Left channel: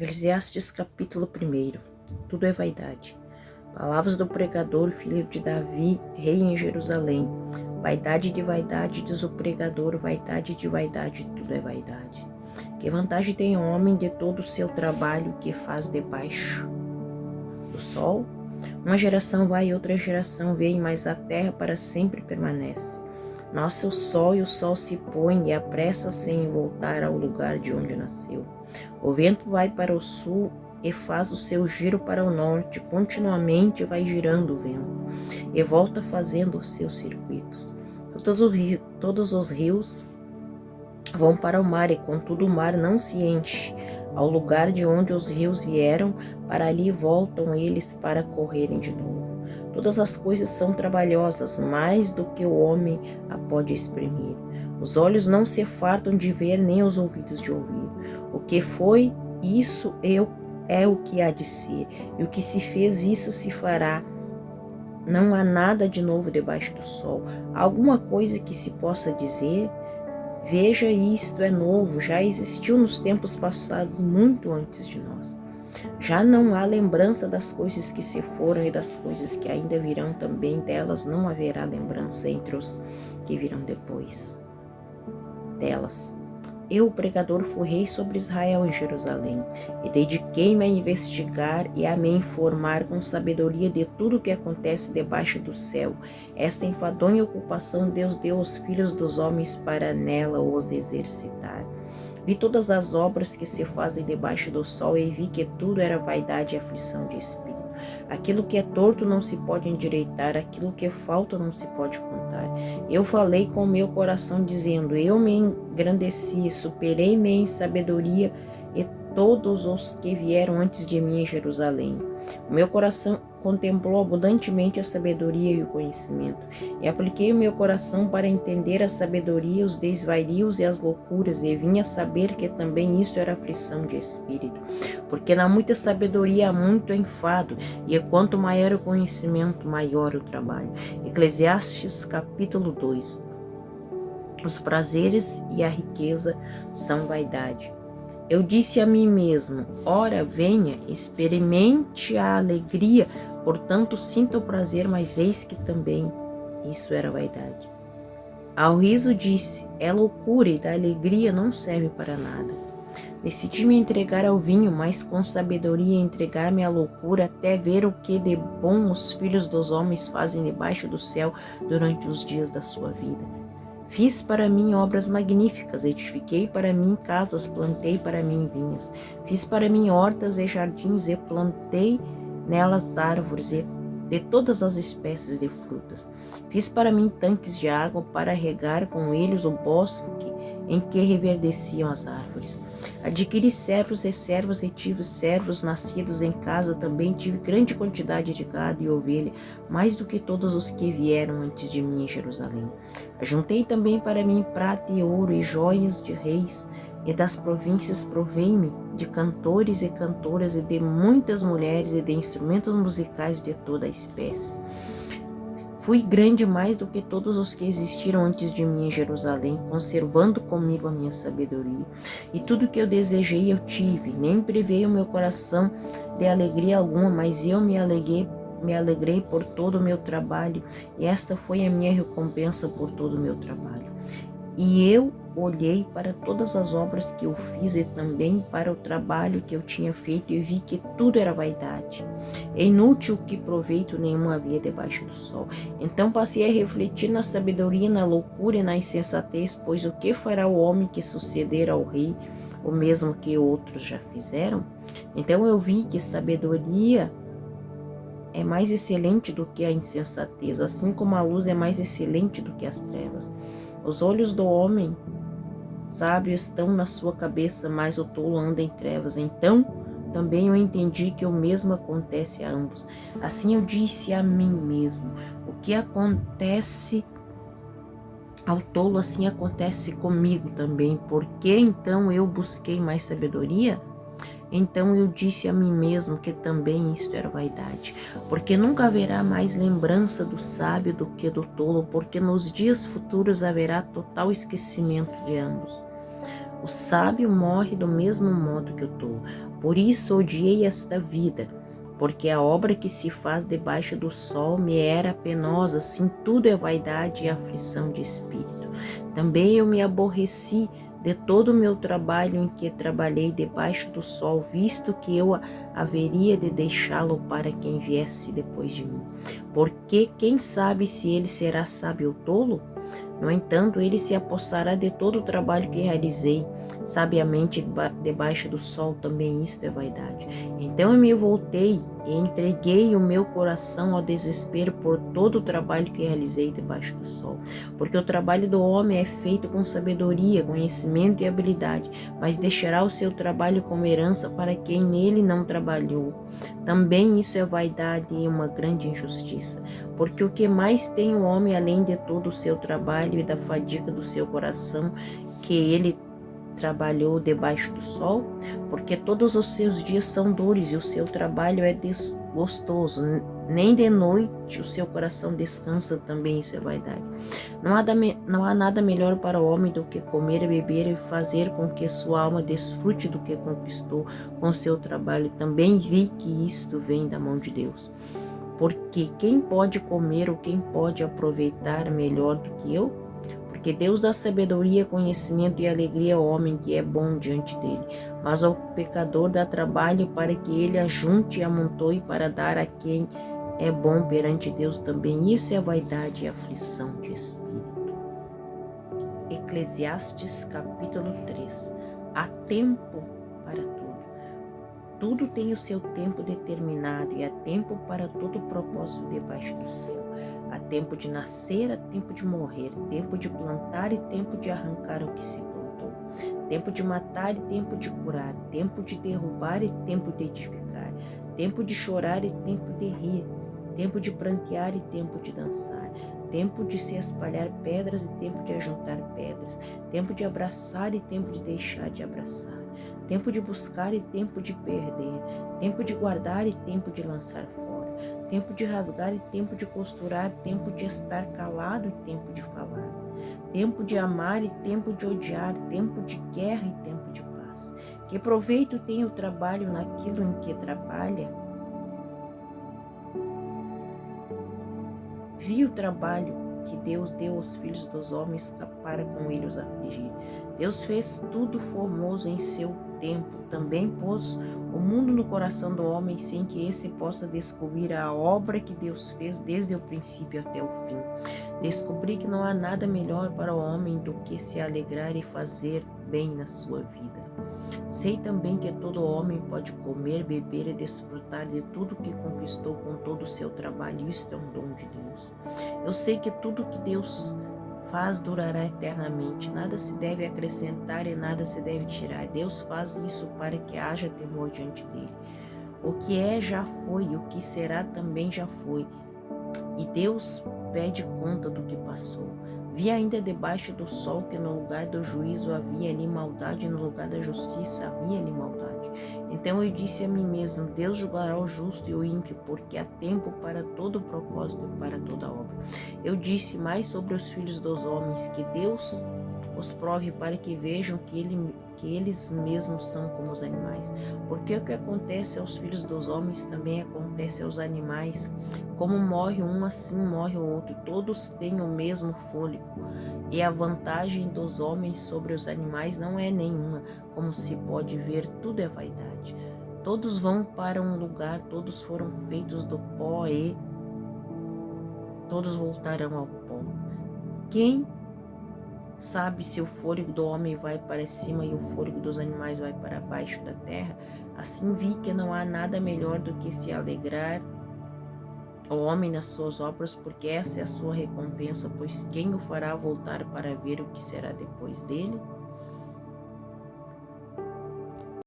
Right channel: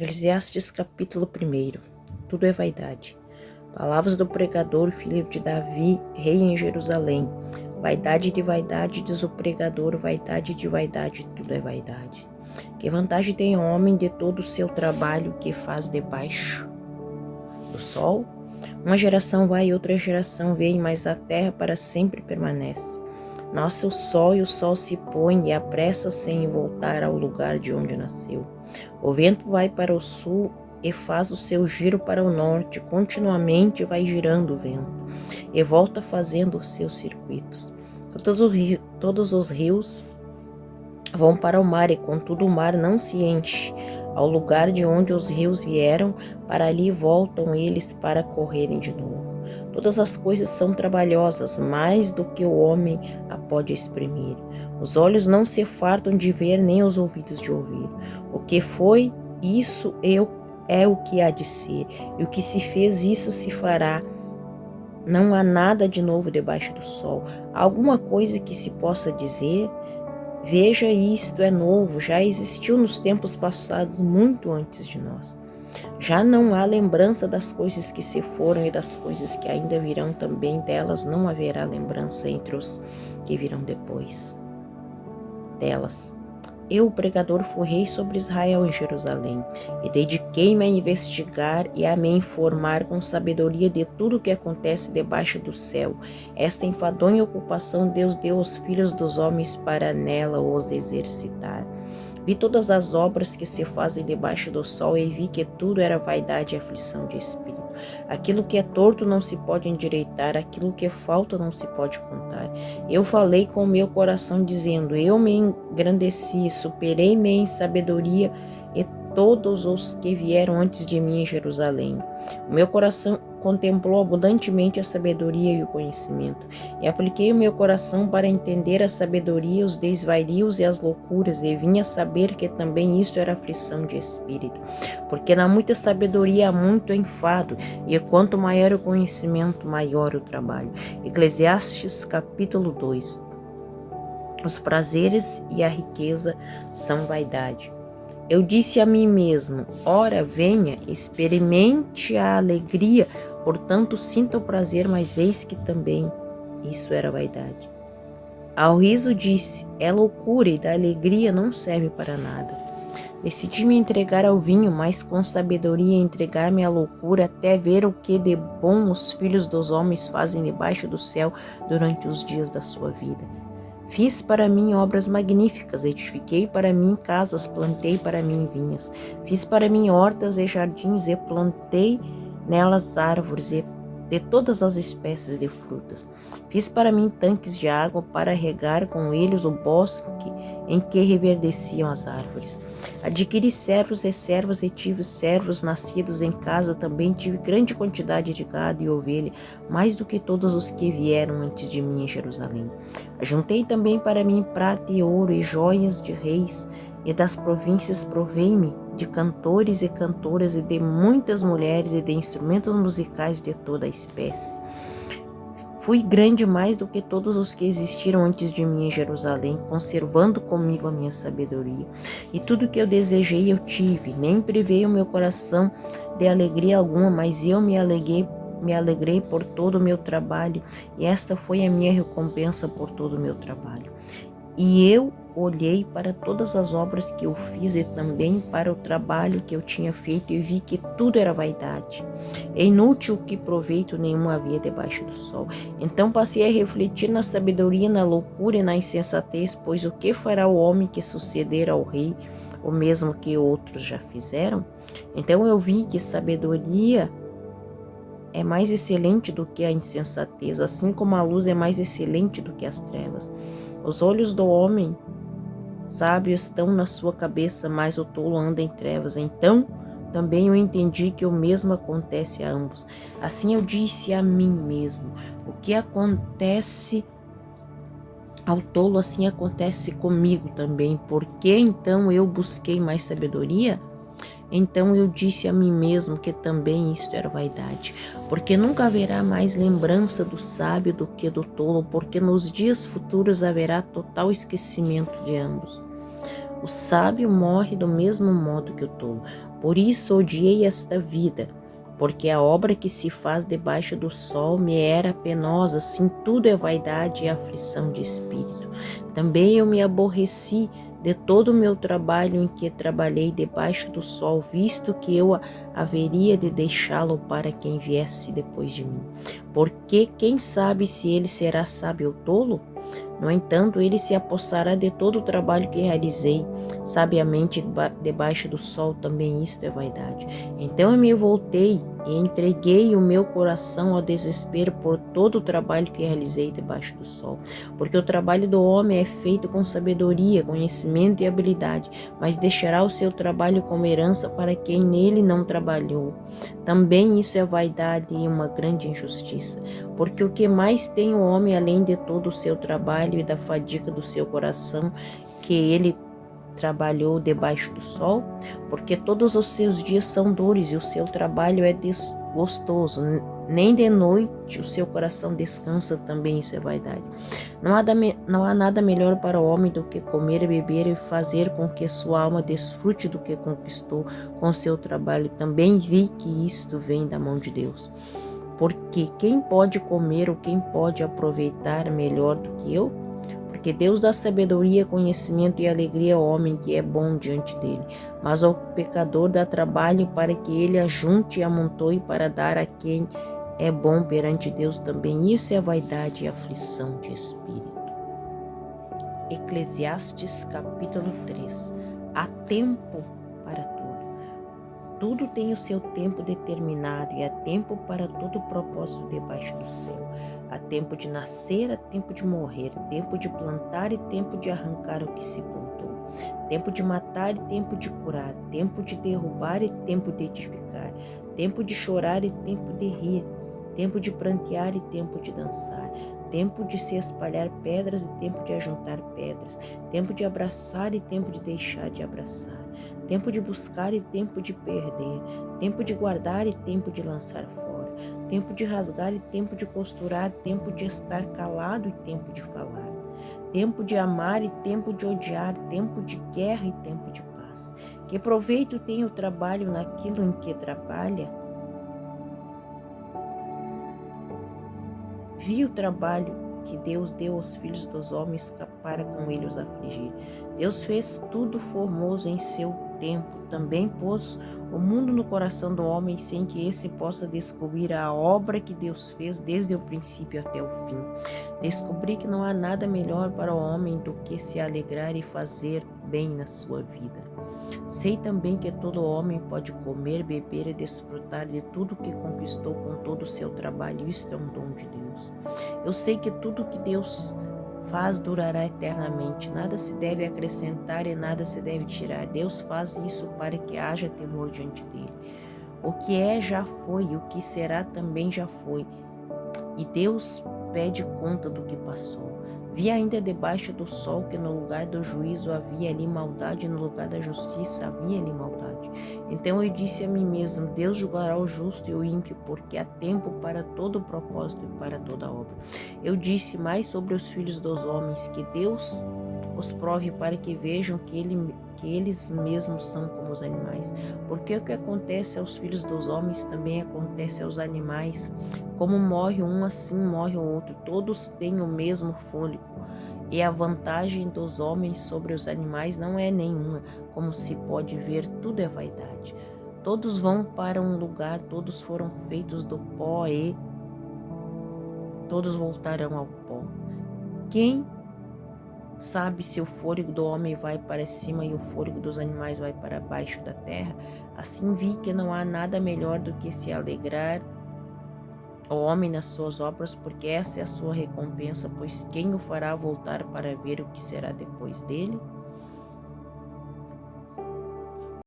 Eclesiastes capítulo 1. Tudo é vaidade. Palavras do pregador, filho de Davi, rei em Jerusalém. Vaidade de vaidade, diz o pregador, vaidade de vaidade, tudo é vaidade. Que vantagem tem o homem de todo o seu trabalho que faz debaixo do sol? Uma geração vai e outra geração vem, mas a terra para sempre permanece. Nasce o sol e o sol se põe e apressa-se em voltar ao lugar de onde nasceu. O vento vai para o sul e faz o seu giro para o norte, continuamente vai girando o vento, e volta fazendo os seus circuitos. Todos os rios vão para o mar, e contudo o mar não se enche. Ao lugar de onde os rios vieram, para ali voltam eles para correrem de novo. Todas as coisas são trabalhosas, mais do que o homem a pode exprimir. Os olhos não se fartam de ver, nem os ouvidos de ouvir. O que foi, isso é o que há de ser, e o que se fez, isso se fará. Não há nada de novo debaixo do sol. Há alguma coisa que se possa dizer? Veja, isto é novo, já existiu nos tempos passados, muito antes de nós. Já não há lembrança das coisas que se foram e das coisas que ainda virão também, delas não haverá lembrança entre os que virão depois delas. Eu, o pregador, fui rei sobre Israel em Jerusalém, e dediquei-me a investigar e a me informar com sabedoria de tudo o que acontece debaixo do céu. Esta enfadonha ocupação Deus deu aos filhos dos homens para nela os exercitar. Vi todas as obras que se fazem debaixo do sol e vi que tudo era vaidade e aflição de espírito. Aquilo que é torto não se pode endireitar, aquilo que é falta não se pode contar. Eu falei com o meu coração dizendo, eu me engrandeci, superei-me em sabedoria e todos os que vieram antes de mim em Jerusalém. O meu coração contemplou abundantemente a sabedoria e o conhecimento, e apliquei o meu coração para entender a sabedoria, os desvarios e as loucuras, e vim a saber que também isto era aflição de espírito, porque na muita sabedoria há muito enfado, e quanto maior o conhecimento, maior o trabalho. Eclesiastes capítulo 2. Os prazeres e a riqueza são vaidade. Eu disse a mim mesmo, ora venha, experimente a alegria, portanto sinta o prazer, mas eis que também isso era vaidade. Ao riso disse, é loucura, e da alegria não serve para nada. Decidi me entregar ao vinho, mas com sabedoria entregar-me à loucura, até ver o que de bom os filhos dos homens fazem debaixo do céu durante os dias da sua vida. Fiz para mim obras magníficas, edifiquei para mim casas, plantei para mim vinhas. Fiz para mim hortas e jardins e plantei nelas árvores de todas as espécies de frutas. Fiz para mim tanques de água para regar com eles o bosque em que reverdeciam as árvores. Adquiri servos e servas e tive servos nascidos em casa, também tive grande quantidade de gado e ovelha, mais do que todos os que vieram antes de mim em Jerusalém. Ajuntei também para mim prata e ouro e joias de reis, e das províncias provei-me de cantores e cantoras e de muitas mulheres e de instrumentos musicais de toda a espécie. Fui grande mais do que todos os que existiram antes de mim em Jerusalém, conservando comigo a minha sabedoria. E tudo o que eu desejei eu tive, nem privei o meu coração de alegria alguma, mas eu me alegrei por todo o meu trabalho, e esta foi a minha recompensa por todo o meu trabalho. E eu olhei para todas as obras que eu fiz e também para o trabalho que eu tinha feito e vi que tudo era vaidade. É inútil, que proveito nenhum havia debaixo do sol. Então passei a refletir na sabedoria, na loucura e na insensatez, pois o que fará o homem que suceder ao rei, o mesmo que outros já fizeram? Então eu vi que sabedoria é mais excelente do que a insensatez, assim como a luz é mais excelente do que as trevas. Os olhos do homem sábio estão na sua cabeça, mas o tolo anda em trevas. Então também eu entendi que o mesmo acontece a ambos. Assim eu disse a mim mesmo, o que acontece ao tolo, assim acontece comigo também. Por que então eu busquei mais sabedoria? Então eu disse a mim mesmo que também isto era vaidade, porque nunca haverá mais lembrança do sábio do que do tolo, porque nos dias futuros haverá total esquecimento de ambos. O sábio morre do mesmo modo que o tolo. Por isso odiei esta vida, porque a obra que se faz debaixo do sol me era penosa, sim, tudo é vaidade e aflição de espírito. Também eu me aborreci de todo o meu trabalho em que trabalhei debaixo do sol, visto que eu haveria de deixá-lo para quem viesse depois de mim. Porque quem sabe se ele será sábio ou tolo? No entanto, ele se apossará de todo o trabalho que realizei. Sabiamente, debaixo do sol, também isto é vaidade. Então eu me voltei e entreguei o meu coração ao desespero por todo o trabalho que realizei debaixo do sol. Porque o trabalho do homem é feito com sabedoria, conhecimento e habilidade, mas deixará o seu trabalho como herança para quem nele não trabalhou. Também isso é vaidade e uma grande injustiça. Porque o que mais tem o homem, além de todo o seu trabalho e da fadiga do seu coração, que ele trabalhou debaixo do sol? Porque todos os seus dias são dores e o seu trabalho é desgostoso. Nem de noite o seu coração descansa, também isso é vaidade. Não há nada melhor para o homem do que comer, beber e fazer com que sua alma desfrute do que conquistou com seu trabalho. Também vi que isto vem da mão de Deus. Porque quem pode comer ou quem pode aproveitar melhor do que eu? Porque Deus dá sabedoria, conhecimento e alegria ao homem que é bom diante dele, mas ao pecador dá trabalho para que ele ajunte e amontoe para dar a quem é bom perante Deus também. Isso é vaidade e aflição de espírito. Eclesiastes capítulo 3. Há tempo para tudo. Tudo tem o seu tempo determinado e há tempo para todo propósito debaixo do céu. Há tempo de nascer, há tempo de morrer, tempo de plantar e tempo de arrancar o que se plantou. Tempo de matar e tempo de curar, tempo de derrubar e tempo de edificar, tempo de chorar e tempo de rir, tempo de prantear e tempo de dançar, tempo de se espalhar pedras e tempo de ajuntar pedras, tempo de abraçar e tempo de deixar de abraçar, tempo de buscar e tempo de perder, tempo de guardar e tempo de lançar fora, tempo de rasgar e tempo de costurar, tempo de estar calado e tempo de falar, tempo de amar e tempo de odiar, tempo de guerra e tempo de paz. Que proveito tem o trabalho naquilo em que trabalha? Vi o trabalho que Deus deu aos filhos dos homens para com ele os afligir. Deus fez tudo formoso em seu tempo. Também pôs o mundo no coração do homem sem que esse possa descobrir a obra que Deus fez desde o princípio até o fim. Descobri que não há nada melhor para o homem do que se alegrar e fazer bem na sua vida. Sei também que todo homem pode comer, beber e desfrutar de tudo que conquistou com todo o seu trabalho. Isto é um dom de Deus. Eu sei que tudo que Deus faz durará eternamente. Nada se deve acrescentar e nada se deve tirar. Deus faz isso para que haja temor diante dele. O que é já foi, o que será também já foi. E Deus pede conta do que passou. Vi ainda debaixo do sol que no lugar do juízo havia ali maldade, e no lugar da justiça havia ali maldade. Então eu disse a mim mesmo: Deus julgará o justo e o ímpio, porque há tempo para todo o propósito e para toda obra. Eu disse mais sobre os filhos dos homens, que Deus os prove para que vejam que eles mesmos são como os animais. Porque o que acontece aos filhos dos homens também acontece aos animais. Como morre um, assim morre o outro. Todos têm o mesmo fôlego. E a vantagem dos homens sobre os animais não é nenhuma. Como se pode ver, tudo é vaidade. Todos vão para um lugar, todos foram feitos do pó e todos voltarão ao pó. Quem sabe se o fôlego do homem vai para cima e o fôlego dos animais vai para baixo da terra? Assim vi que não há nada melhor do que se alegrar o homem nas suas obras, porque essa é a sua recompensa, pois quem o fará voltar para ver o que será depois dele?